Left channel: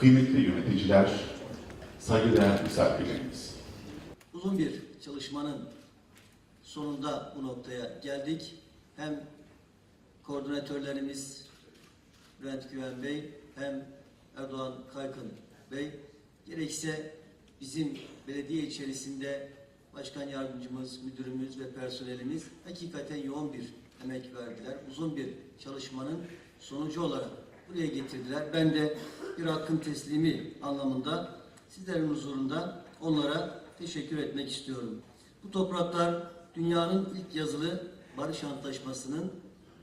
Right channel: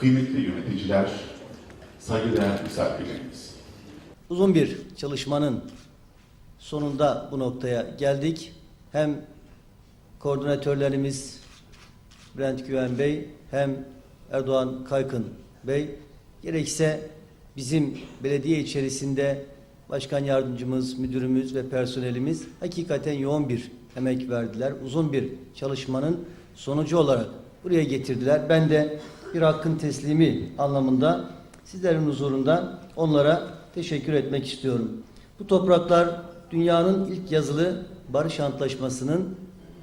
kıymetli yöneticiler, saygıdeğer misafirlerimiz. Uzun bir çalışmanın sonunda bu noktaya geldik. Hem koordinatörlerimiz Bülent Güven Bey hem Erdoğan Kaykın Bey gerekse bizim belediye içerisinde başkan yardımcımız, müdürümüz ve personelimiz hakikaten yoğun bir emek verdiler. Uzun bir çalışmanın sonucu olarak buraya getirdiler. Ben de bir hakkın teslimi anlamında sizlerin huzurunda onlara teşekkür etmek istiyorum. Bu topraklar dünyanın ilk yazılı barış antlaşmasının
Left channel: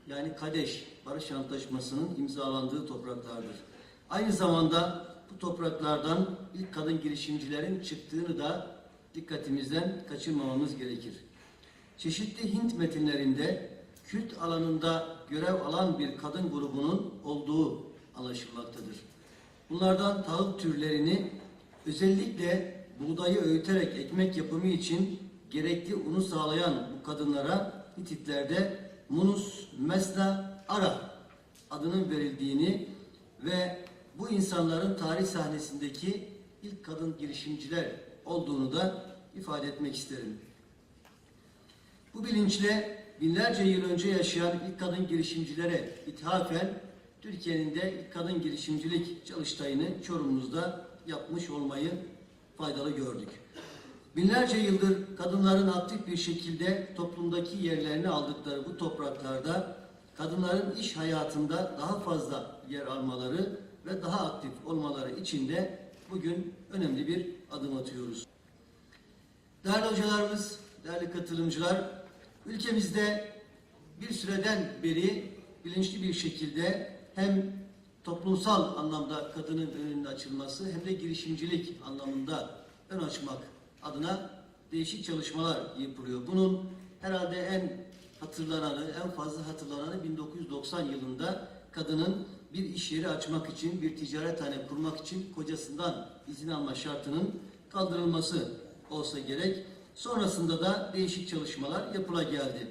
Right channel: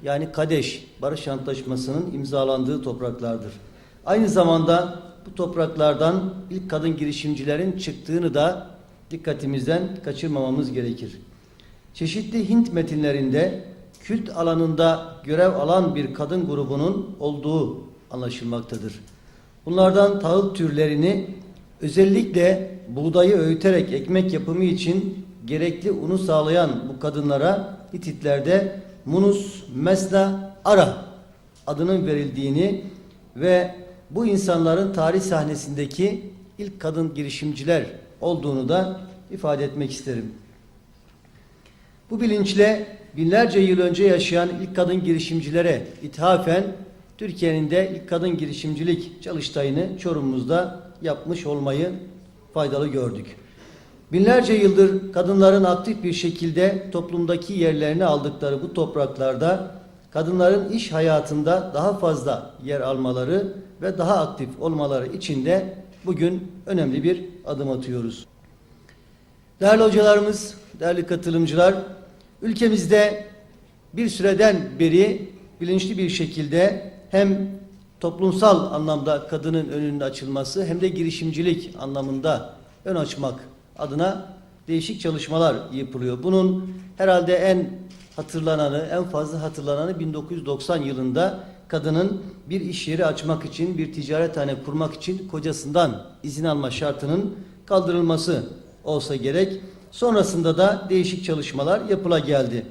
yani Kadeş Barış Antlaşması'nın imzalandığı topraklardır. Aynı zamanda bu topraklardan ilk kadın girişimcilerin çıktığını da dikkatimizden kaçırmamamız gerekir. Çeşitli Hint metinlerinde kült alanında görev alan bir kadın grubunun olduğu anlaşılmaktadır. Bunlardan tahıl türlerini özellikle buğdayı öğüterek ekmek yapımı için gerekli unu sağlayan bu kadınlara Hititlerde Munus Mesna Ara adının verildiğini ve bu insanların tarih sahnesindeki ilk kadın girişimciler olduğunu da ifade etmek isterim. Bu bilinçle binlerce yıl önce yaşayan ilk kadın girişimcilere ithafen Türkiye'nin de ilk kadın girişimcilik çalıştayını Çorum'umuzda yapmış olmayı faydalı gördük. Binlerce yıldır kadınların aktif bir şekilde toplumdaki yerlerini aldıkları bu topraklarda kadınların iş hayatında daha fazla yer almaları ve daha aktif olmaları için de bugün önemli bir adım atıyoruz. Değerli hocalarımız, değerli katılımcılar, ülkemizde bir süreden beri bilinçli bir şekilde hem toplumsal anlamda kadının önünün açılması hem de girişimcilik anlamında ön açmak adına değişik çalışmalar yapılıyor. Bunun herhalde en hatırlananı, en fazla hatırlananı 1990 yılında kadının bir iş yeri açmak için, bir ticarethane kurmak için kocasından izin alma şartının kaldırılması olsa gerek. Sonrasında da değişik çalışmalar yapıla geldi.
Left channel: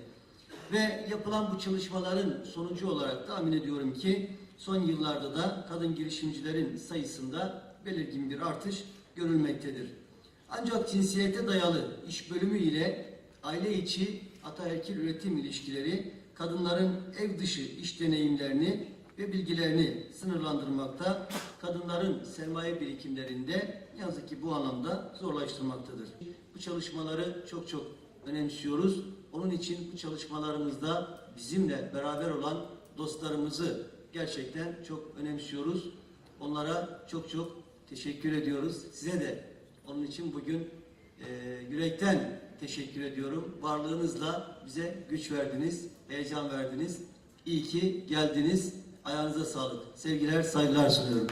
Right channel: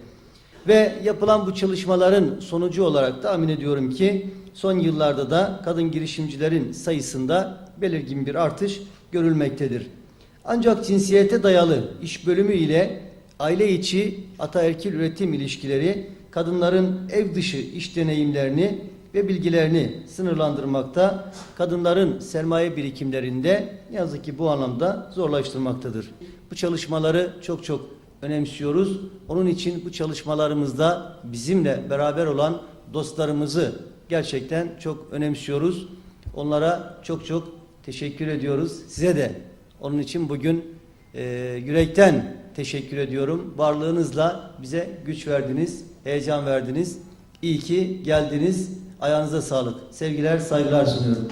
Ve yapılan bu çalışmaların sonucu olarak tahmin ediyorum ki son yıllarda da kadın girişimcilerin sayısında belirgin bir artış görülmektedir. Ancak cinsiyete dayalı iş bölümü ile aile içi ataerkil üretim ilişkileri kadınların ev dışı iş deneyimlerini ve bilgilerini sınırlandırmakta, kadınların sermaye birikimlerinde ne yazık ki bu anlamda zorlaştırmaktadır. Bu çalışmaları çok çok önemsiyoruz. Onun için bu çalışmalarımızda bizimle beraber olan dostlarımızı gerçekten çok önemsiyoruz. Onlara çok çok teşekkür ediyoruz. Size de onun için bugün e, yürekten teşekkür ediyorum. Varlığınızla bize güç verdiniz, heyecan verdiniz. İyi ki geldiniz. Ayağınıza sağlık. Sevgiler, saygılar sunuyorum.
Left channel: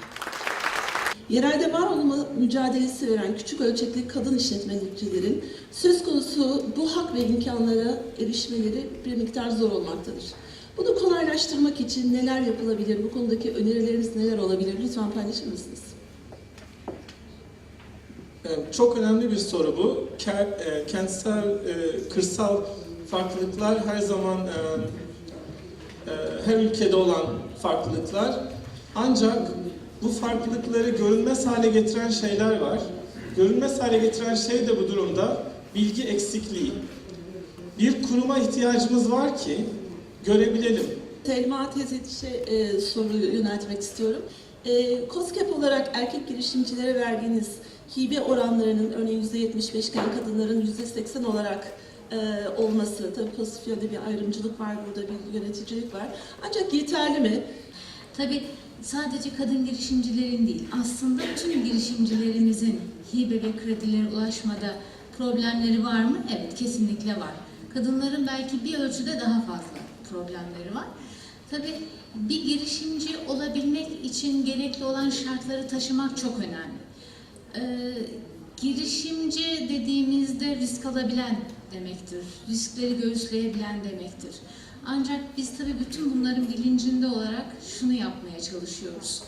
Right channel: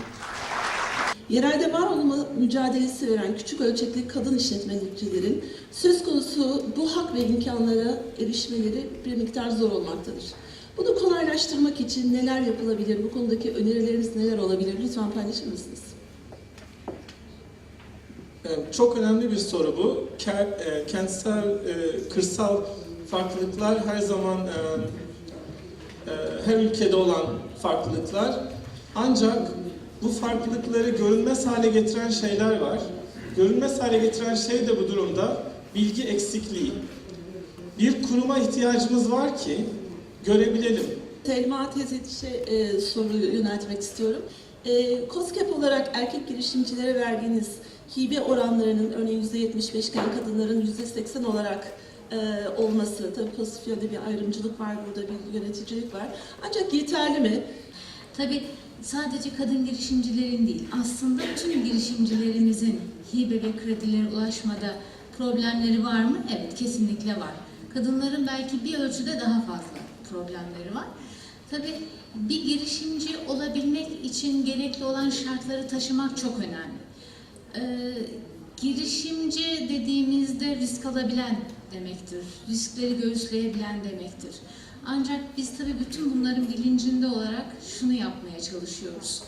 Yerelde var olma mücadelesi veren küçük ölçekli kadın işletmecilerin söz konusu bu hak ve imkanlara erişmeleri bir miktar zor olmaktadır. Bunu kolaylaştırmak için neler yapılabilir? Bu konudaki önerileriniz neler olabilir? Lütfen paylaşır mısınız? Evet, Çok önemli bir soru bu. E, Kentsel, e, kırsal farklılıklar her zaman e, her ülkede olan farklılıklar. Ancak bu farklılıkları görünmez hale getiren şeyler var. Görünmez hale getiren şey de bu durumda bilgi eksikliği. Bir kuruma ihtiyacımız var ki görebilelim. Selma Tezetiş'e e, soru yöneltmek istiyorum. E, COSGAP olarak erkek girişimcilere verdiğiniz hibe oranlarının örneğin %75 iken kadınların %80 olarak e, olması, tabii pozitif yönde bir ayrımcılık var burada, bir yöneticilik var. Ancak yeterli mi? Tabii sadece kadın girişimcilerin değil, aslında tüm girişimcilerimizin hibe ve kredilere ulaşmada problemleri var mı? Evet, kesinlikle var. Kadınların belki bir ölçüde daha fazla problemleri var. Tabii bir girişimci olabilmek için gerekli olan şartları taşımak çok önemli. Ee, girişimci dediğimizde risk alabilen demektir. Riskleri göğüsleyebilen demektir. Ancak biz tabii bütün bunların bilincinde olarak şunu yapmaya çalışıyoruz.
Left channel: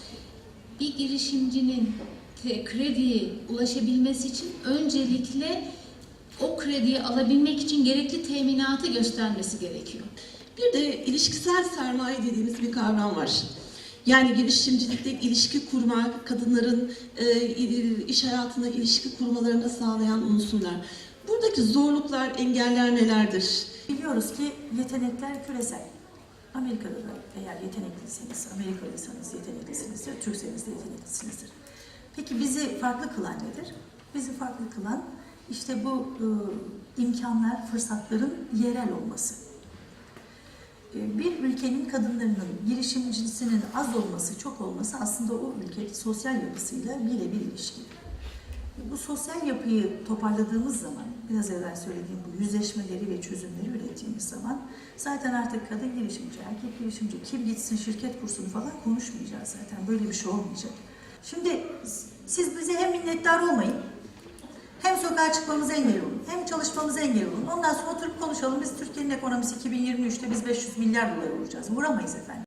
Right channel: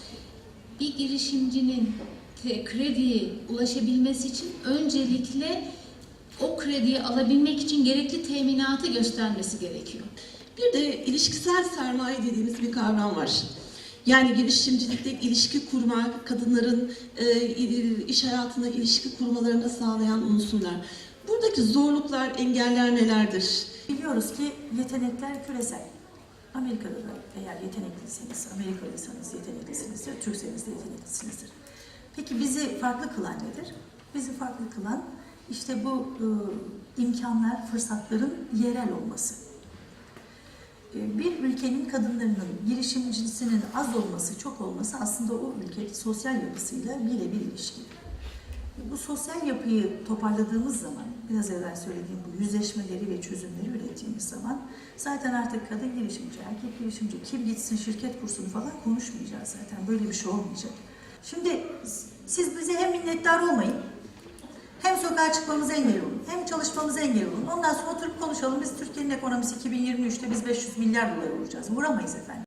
Bir girişimcinin te- krediye ulaşabilmesi için öncelikle o krediyi alabilmek için gerekli teminatı göstermesi gerekiyor. Bir de ilişkisel sermaye dediğimiz bir kavram var. Yani girişimcilikte ilişki kurma, kadınların e, iş hayatına ilişki kurmalarını sağlayan unsurlar. Buradaki zorluklar, engeller nelerdir? Biliyoruz ki yetenekler küresel. Amerika'da da eğer yeteneklisiniz, Amerikalıysanız yeteneklisinizdir, Türkseniz de yeteneklisinizdir. Peki bizi farklı kılan nedir? Bizi farklı kılan işte bu e, imkanlar, fırsatların yerel olması. E, bir ülkenin kadınlarının girişimcisinin az olması, çok olması aslında o ülke sosyal yapısıyla birebir ilişkili. Bu sosyal yapıyı toparladığımız zaman, biraz evvel söylediğim bu yüzleşmeleri ve çözümleri ürettiğimiz zaman zaten artık kadın girişimci, erkek girişimci, kim gitsin şirket kursunu falan konuşmayacağız zaten. Böyle bir şey olmayacak. Şimdi siz bize hem minnettar olmayın, hem sokağa çıkmamıza engel olun, hem çalışmamıza engel olun. Ondan sonra oturup konuşalım. Biz Türkiye'nin ekonomisi 2023'te biz 500 milyar dolar vuracağız. Vuramayız efendim.